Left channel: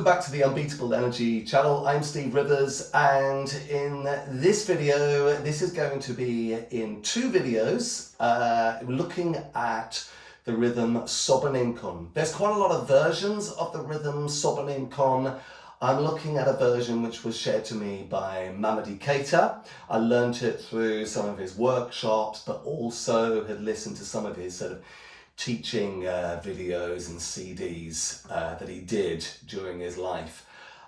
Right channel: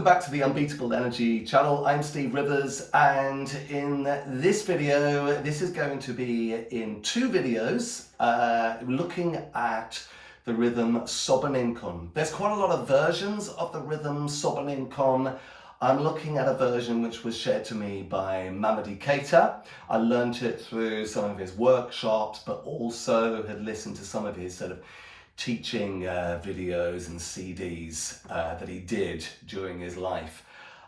Welcome back to the Unbeatable Energy channel. I'm Steve Rivers, and in this video, this is going to be in two videos looking at the rhythm Soboninkon. There's quite a lot of versions of the rhythm Soboninkon. I'm looking at a version which was shared to me by Mamady Keïta. I learned it through some of his workshops, but also had listened to some of his sort of teaching videos and CDs that he did during his life.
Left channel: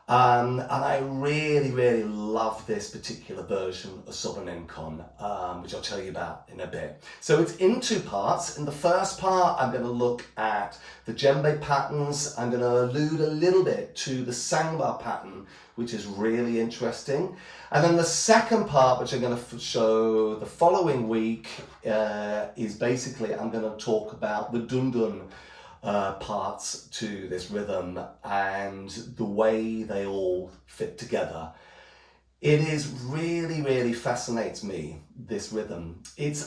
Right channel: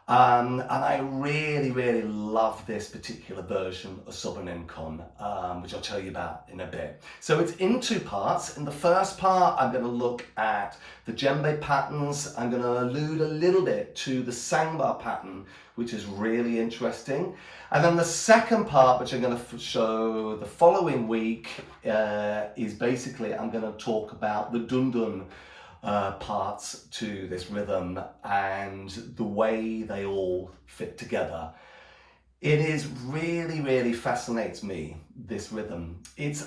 And I really love this particular version of Soboninkon, which I'll tell you about in a bit. So it's in two parts. In the first part, I'm going to look at the Djembe patterns. I'm going to allude a little bit to the Sangba pattern, which is really interesting. And then the second part, which I'm going to show the following week, is basically I'm going to talk about the dundun parts to this rhythm and the way they all fit together. It is really fascinates me, this rhythm.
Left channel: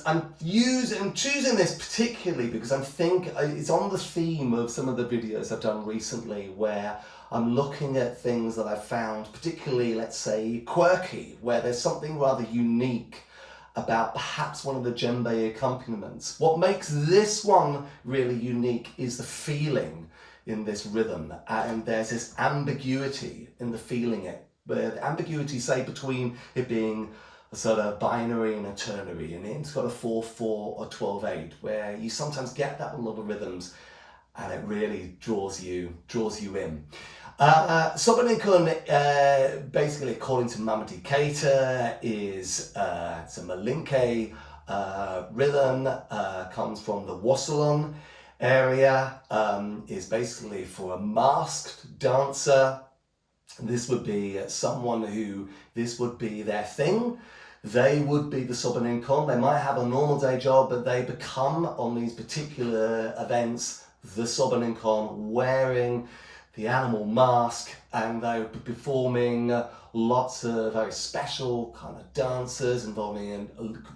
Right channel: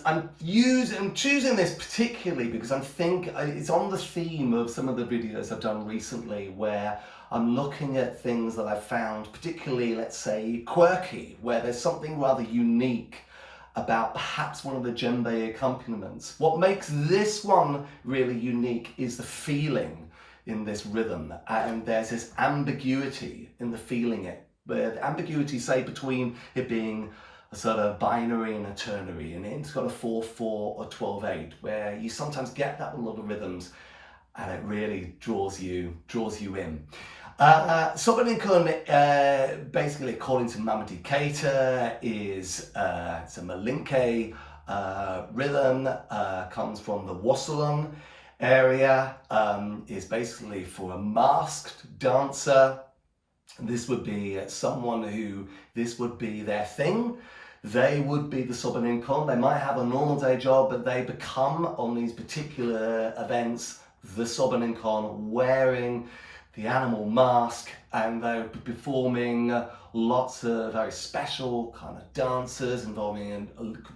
I'm choosing this particularly because I think it's on the theme of some of the videos I've done recently where I'm looking at things that I've found particularly, let's say, quirky, where there's something rather unique about perhaps one of the djembe accompaniments. What makes this one really unique is the feeling in this rhythm, and there's this ambiguity in the feeling it, where the ambiguity, say, between it being a sort of binary and a ternary, and it's got a 4/4 or 12/8, where you sometimes get that in a lot of rhythms, and it really draws you in. Soboninkon, basically, according to Mamady Keïta, is it's a Malinke rhythm, comes from the Wasalon area, is basically for a masked dancer. This would be someone who, this would be their thing. They would be the Soboninkon. They might have a normal day job, but they become, on these particular events, the Soboninkon, wearing the animal mask, and they're performing lots of very special kind of dances involving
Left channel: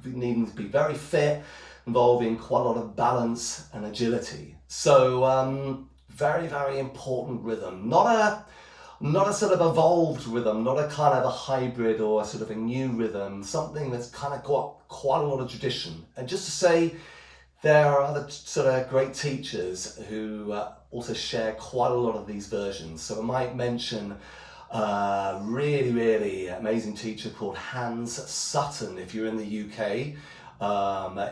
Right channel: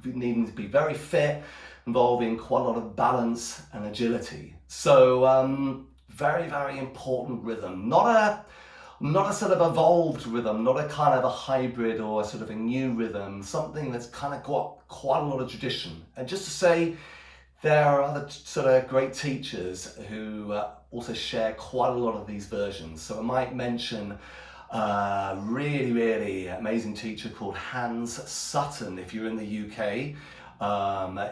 needing to be very fit, involving quite a lot of balance and agility. So very important rhythm. Not a sort of evolved rhythm, not a kind of a hybrid or a sort of a new rhythm, something that's kind of got quite a lot of tradition. And just to say, there are other sort of great teachers who also share quite a lot of these versions. So I might mention a really amazing teacher called Hans Sutton. If you're in the UK,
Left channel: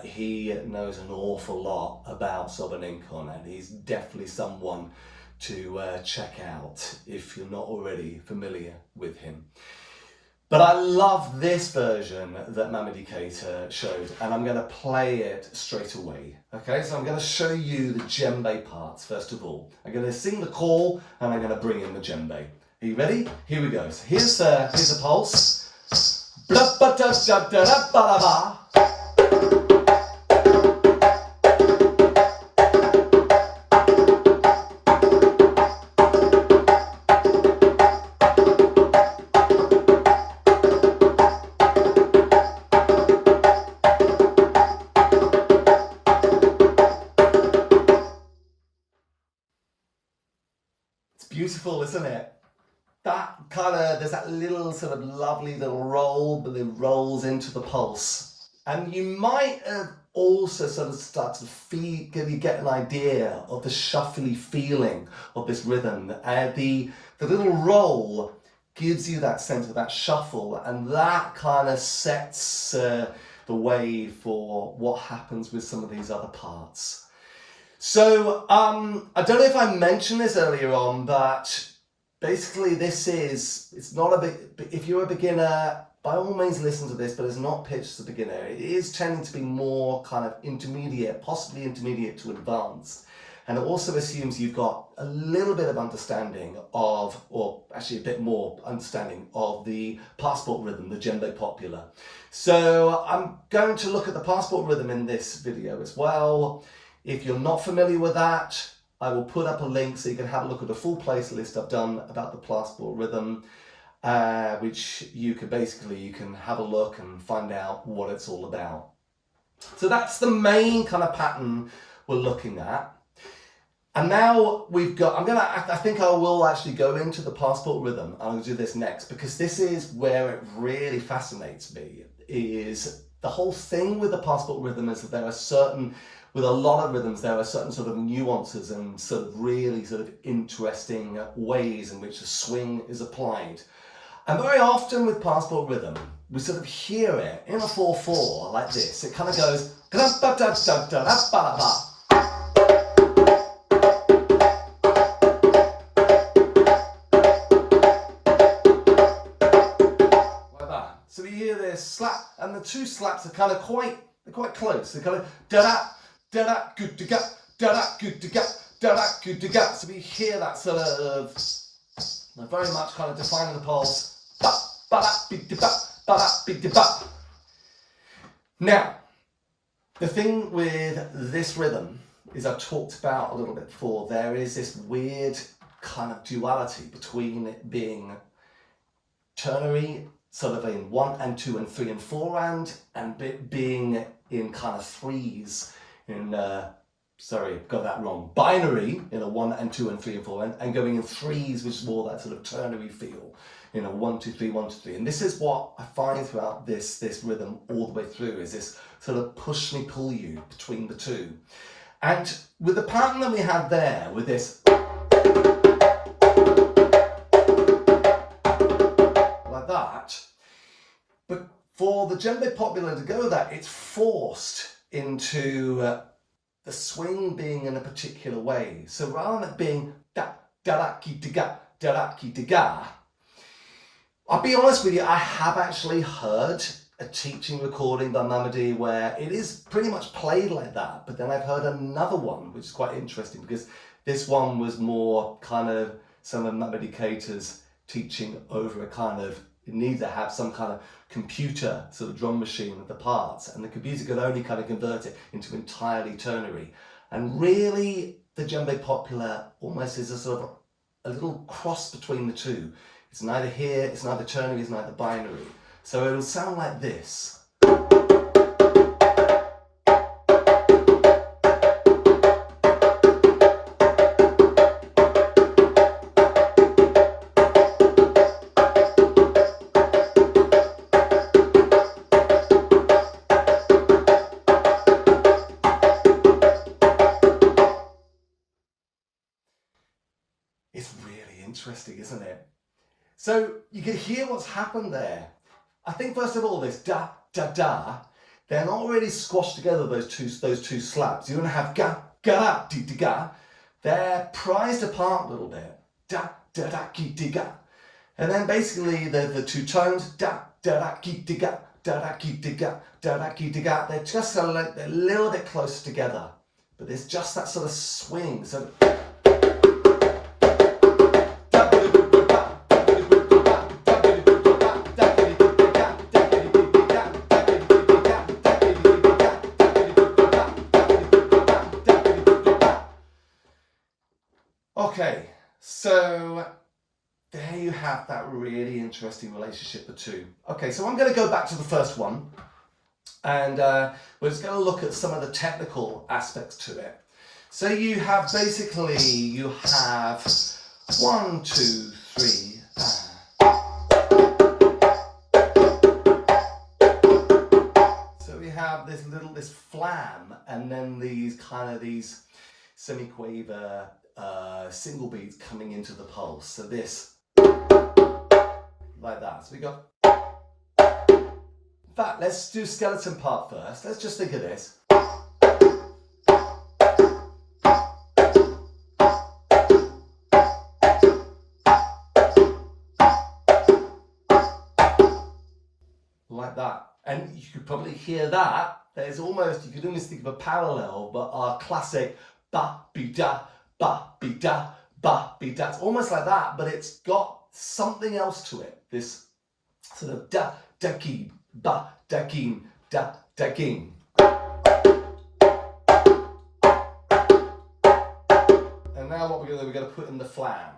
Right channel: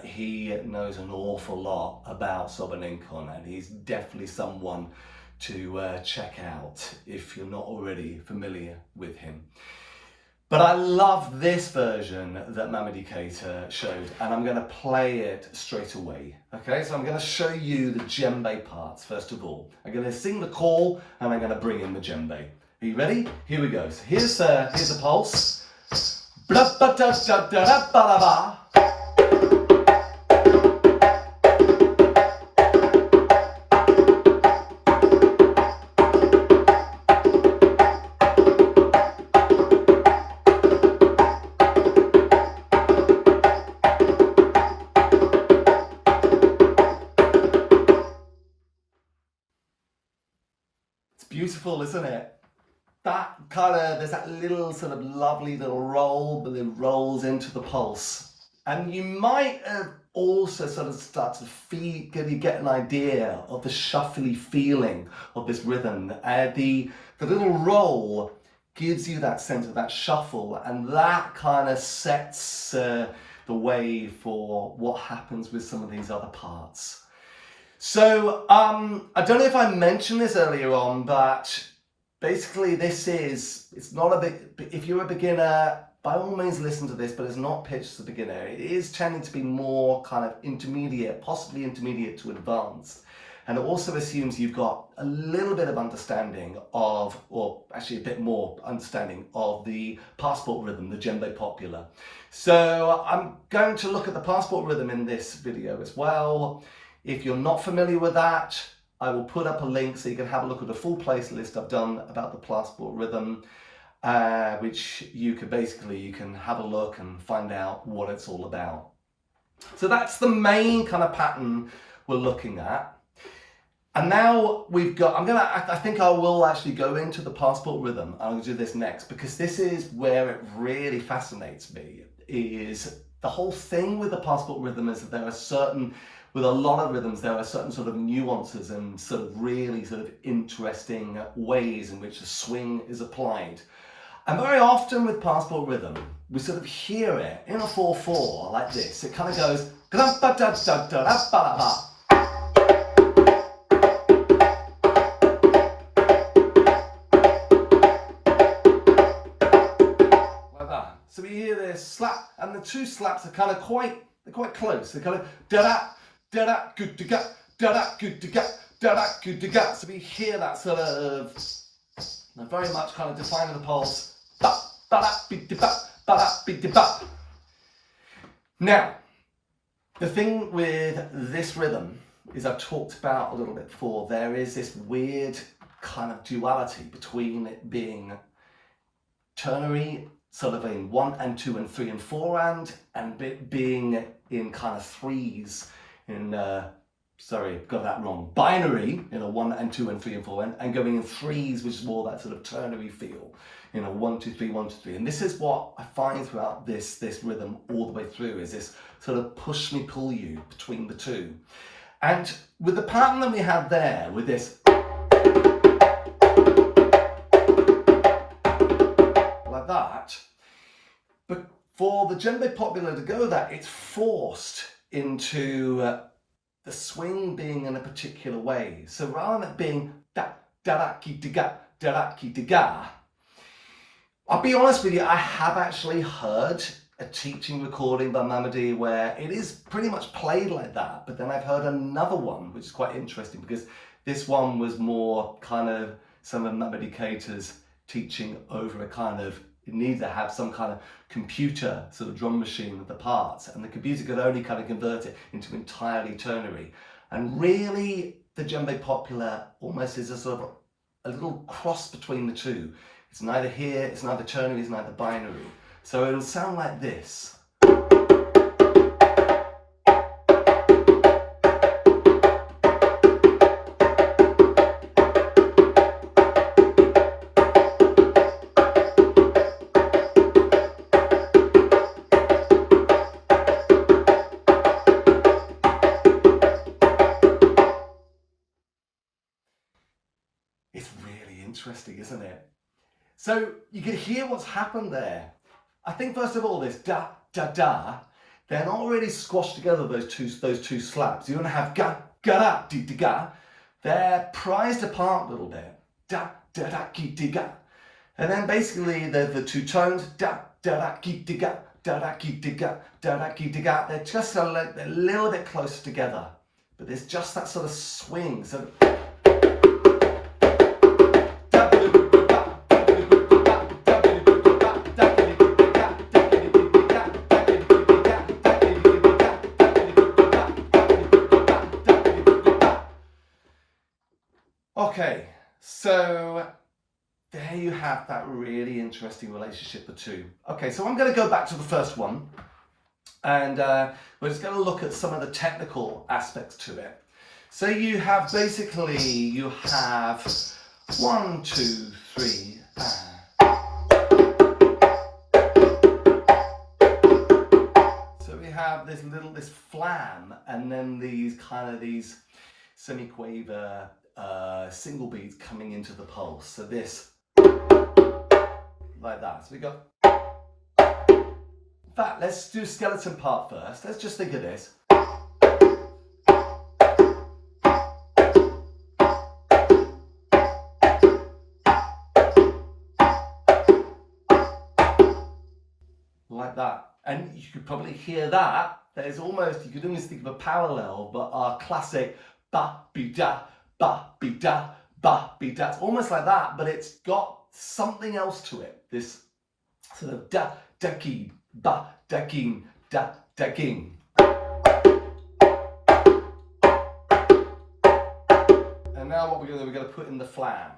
he knows an awful lot about Soboninkon, and he's definitely someone to check out if you're not already familiar with him. But I love this version that Mamady Keïta showed, and I'm going to play it straight away. Okay, so I'm going to show you the djembe parts first of all. I'm going to sing the call, and I'm going to bring in the djembe. Are you ready? Here we go. So here's a pulse. Beautiful, isn't it? That kind of, there's that little sort of lovely little roll, but it rolls into the pulse. And you might also sort of start to get an idea of the shuffly feeling of this rhythm. The little roll gives you that sense of that shuffle, and that kind of sets the way for what happens with some of these other parts. So I don't know if I mentioned this earlier on, but basically it's not a big, if you're a beginner, by all means listen to this, but it's not pitched to beginner. It is tending to be more kind of intermediate, possibly intermediate to advanced. And it also assumes you've got a little bit of understanding of, or actually a bit more understanding of the passport rhythm, the djembe popular. So I'm going to look at the passport rhythm in this video as well. If you're not familiar with that, I will put up a link so you can have a look at the full playlist I've done about the passport rhythm, which you can have a look and find out what it's all about. So that's the main kind of pattern we're looking at. And now we've got, I think I will actually go into the passport rhythm. I'm going to do this next because this is where it really fascinates me, is the whole thing with the passport rhythm is that there are certain, with a lot of rhythms, there are certain sort of nuances and sort of really sort of interesting ways in which the swing is applied. And very often with passport rhythm, we sort of hear it in a 4/4 like this. It kind of goes, so we hear this slap, and the two slaps are kind of quite close. They're kind of da-da, da-da, good-to-ga, da-da, good-to-ga, da-da, good-to-ga. So we hear that sort of, very much kind of defining the pulse. Now, the thing with this rhythm is, I've talked about a little bit before, there is this weird kind of duality between it being ternary, sort of in 1 and 2 and 3 and 4 and it being in kind of threes, in sorry, got that wrong, binary in a 1 and 2 and 3 and 4 and going in threes, which is more that sort of ternary feel, you know, 1 2 3 1 2 3. And this is what I find throughout this rhythm all the way through, is this sort of push me pull you between the two. And with the pattern that we had there, with this like that, but for the djembe popular to go that, it's forced into the swing being in a particular way. So rather than it being da da da ki da da da ki da, I'll be honest with you, I have actually heard a teaching recording by Mamady where it is pretty much played like that, but then I've heard another one which is quite interesting, because this one was more kind of some of Mamady Keïta's teaching over a kind of, you need to have some kind of computer sort of drum machine with the parts, and the computer could only kind of convert it into entirely ternary. And really the djembe popular almost is a sort of a little cross between the two. It's neither here, it's neither ternary, it's neither binary. So it will sound like this. It's really interesting, isn't it? So you can hear what's happened there. I think first of all, this da, da, da, they're not really squashed together, those two slaps. You're going to have ga, ga, da, di, di, ga. They're prized apart a little bit. Da, da, da, ki, di, ga. And then basically the two tones, da, da, da, ki, di, ga, da, da, ki, di, ga, da, da, ki, di, ga. They're just they're a little bit closer together. But there's just that sort of swing. So okay, so there you have that really interesting relationship, the two. Okay, so I'm going to go back to the first one, and we're just going to look at some of the technical aspects to it. So you have basically, you have 1 2 3. So we have this flam, and then these semi-quaver single beats coming into the pulse. So this, like that. So we go. In fact, let's do skeleton part first. Let's just think of this. Like that. And you could probably hear that. There's almost, you could almost think of a parallel, but our classic ba be da, ba be da, ba be da. It's almost like that, but it's got something else to it. This sort of da, da keen, ba, da keen, da, da keen. And now what we're going to put in the flam.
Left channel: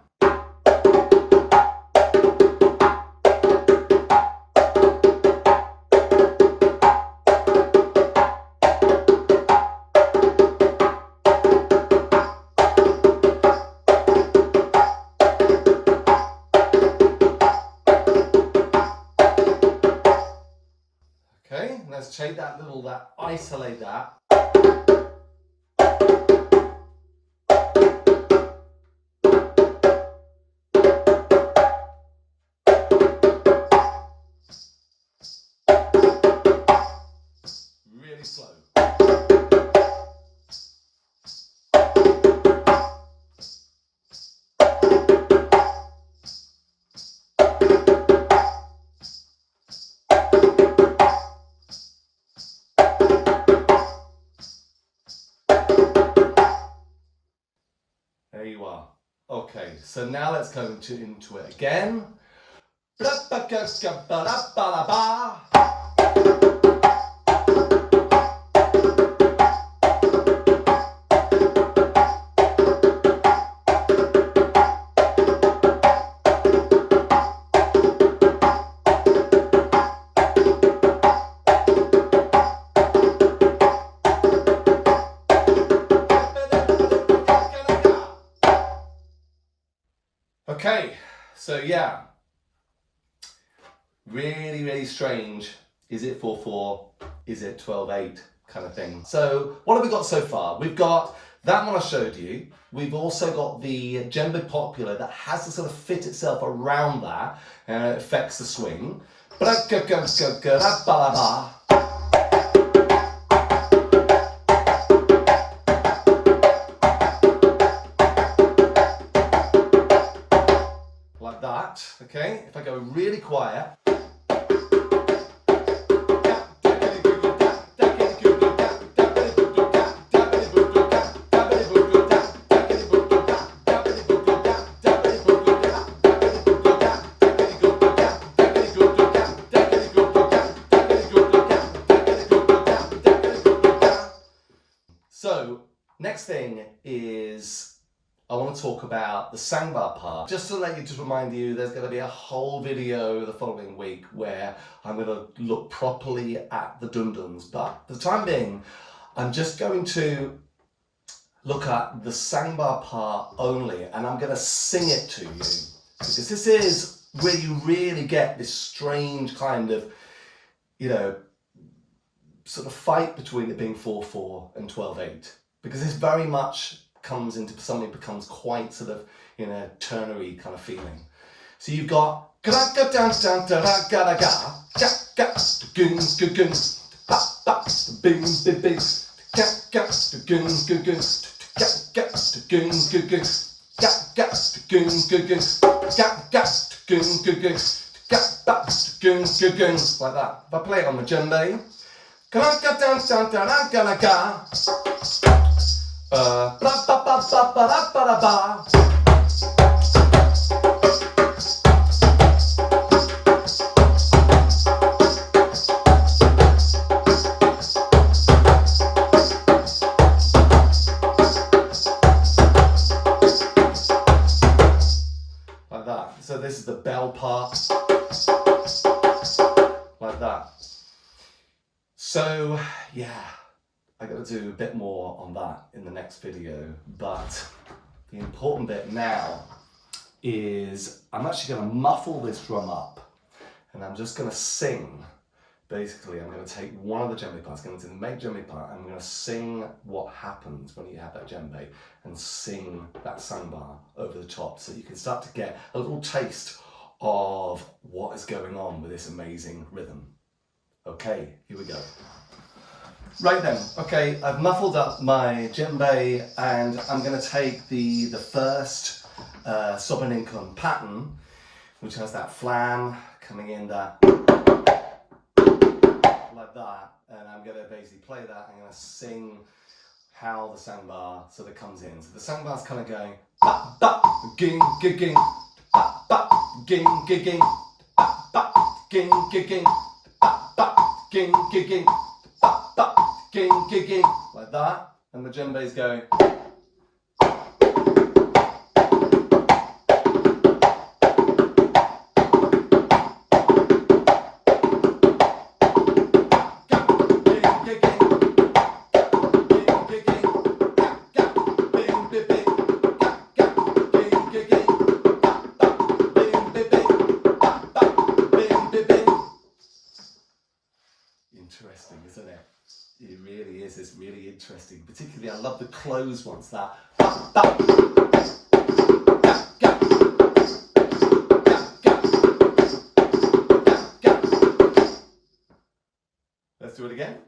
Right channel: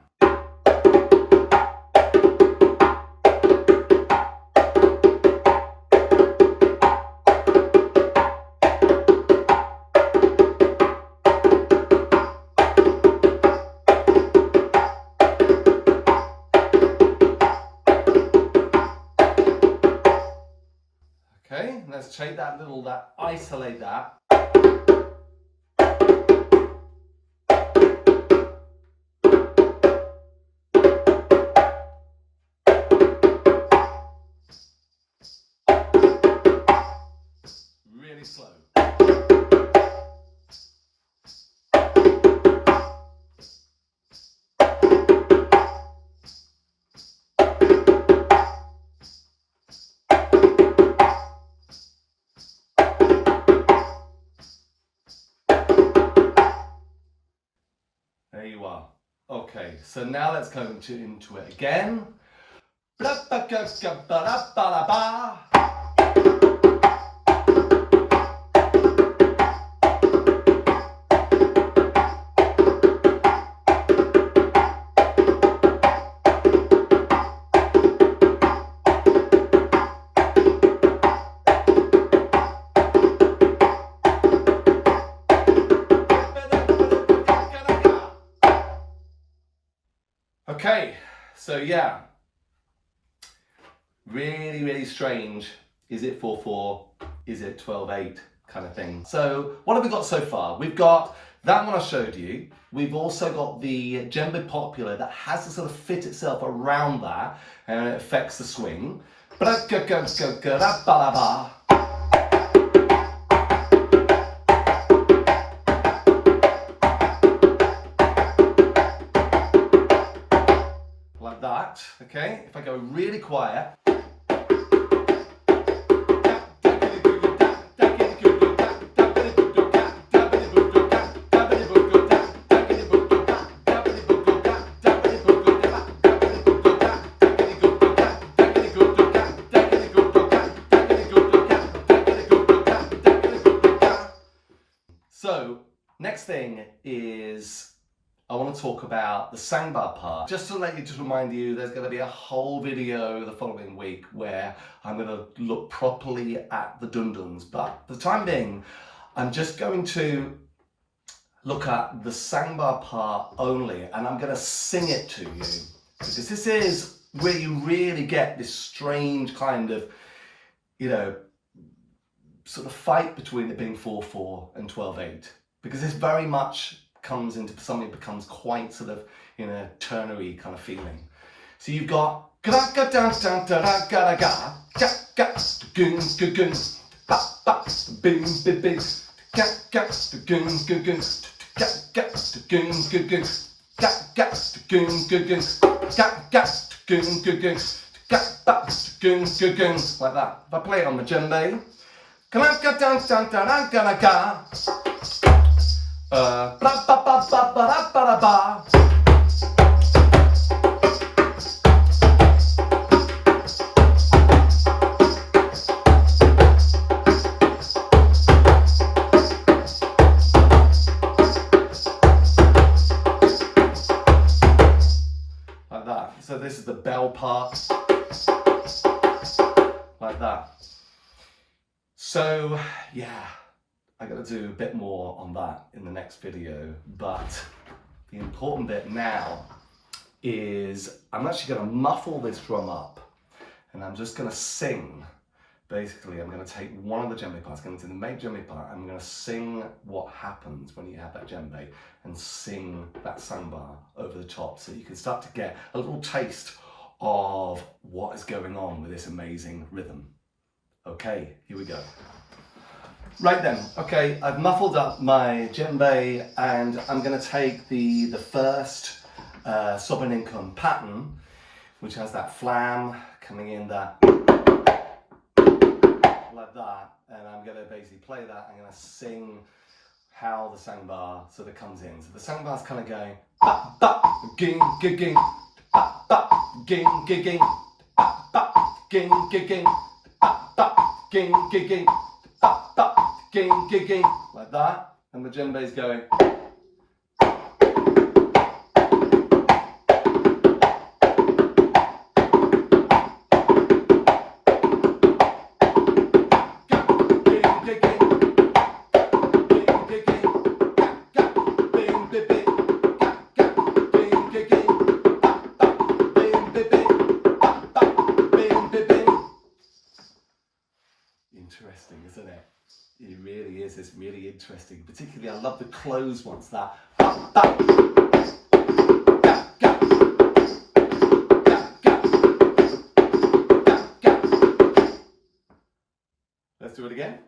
let's take that, isolate that. Really slow. There you are. Okay, so now let's go into it again. Okay, so yeah, really, really strange. Is it 4/4? Is it 12/8 kind of thing? So what have we got so far? We've got that one I showed you. We've also got the Djembe popular that has to sort of fit itself around that and it affects the swing. Like that, okay? If I go really quiet. So, next thing is I want to talk about the Sangba part. Just to remind you, there's going to be a whole video the following week where I'm going to look properly at the dunduns. But for the time being, I'm just going to look at the Sangba part only, and I'm going to sing it to you. Because this is where you really get this strange kind of, sort of fight between it being 4/4 and 12/8, because this very much comes into something that becomes quite sort of ternary kind of feeling. So you've got like that. If I play it on the djembe, like that. So this is the bell part, like that. So yeah, I got to do a bit more on that in the next video, but the important bit now is I'm actually going to muffle this drum up and I'm just going to sing. Basically, I'm going to take one of the djembe parts, going to do the main djembe part, and I'm going to sing what happens when you have that djembe and sing that sangba over the top, so you can start to get a little taste of what is going on with this amazing rhythm. Okay, here we go. Right then, okay, I've muffled up my djembe and I'm going to take the first Soboninkon pattern, which has that flam coming in there, like that, and I'm going to basically play that and I'm going to sing how the sangba sort of comes in. So the sangba is kind of going ba ba ging ging ba ba ging ging ba ba ging ging ba ba ging ging ba ba ging ging, like that, and the djembe is going. interesting, isn't it? It really is. It's really interesting. Particularly, I love the close ones. That. Let's do it again.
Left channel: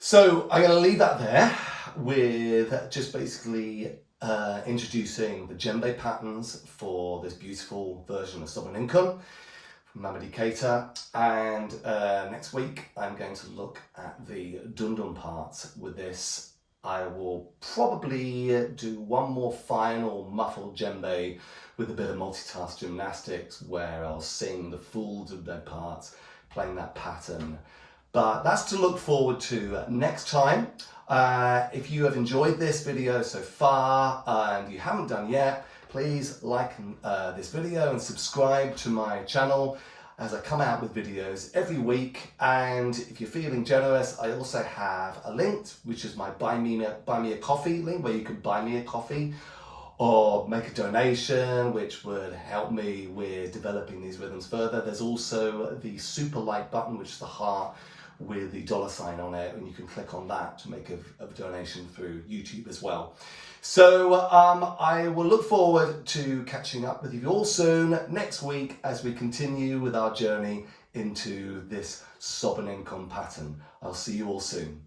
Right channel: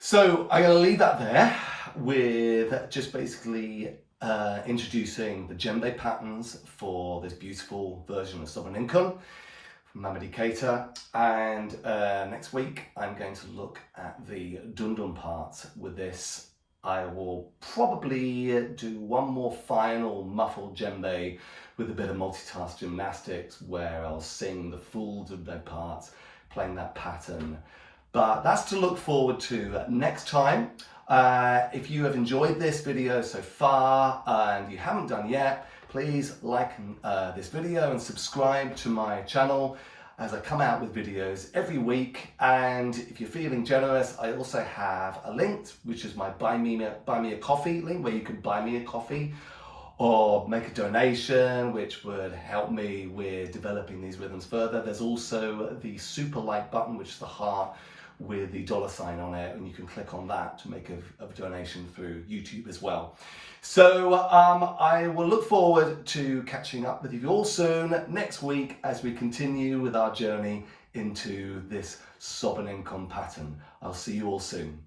So I'm going to leave that there with just basically introducing the djembe patterns for this beautiful version of Soboninkon from Mamady Keïta, and next week I'm going to look at the dundun parts with this. I will probably do one more final muffled djembe with a bit of multitask gymnastics where I'll sing the full djembe parts, playing that pattern. But that's to look forward to next time. If you have enjoyed this video so far and you haven't done yet, please like this video and subscribe to my channel as I come out with videos every week. And if you're feeling generous, I also have a link, which is my buy me a coffee link, where you can buy me a coffee or make a donation, which would help me with developing these rhythms further. There's also the super like button, which is the heart with the $sign on it, and you can click on that to make a donation through YouTube as well. So I will look forward to catching up with you all soon next week as we continue with our journey into this Soboninkon pattern. I'll see you all soon.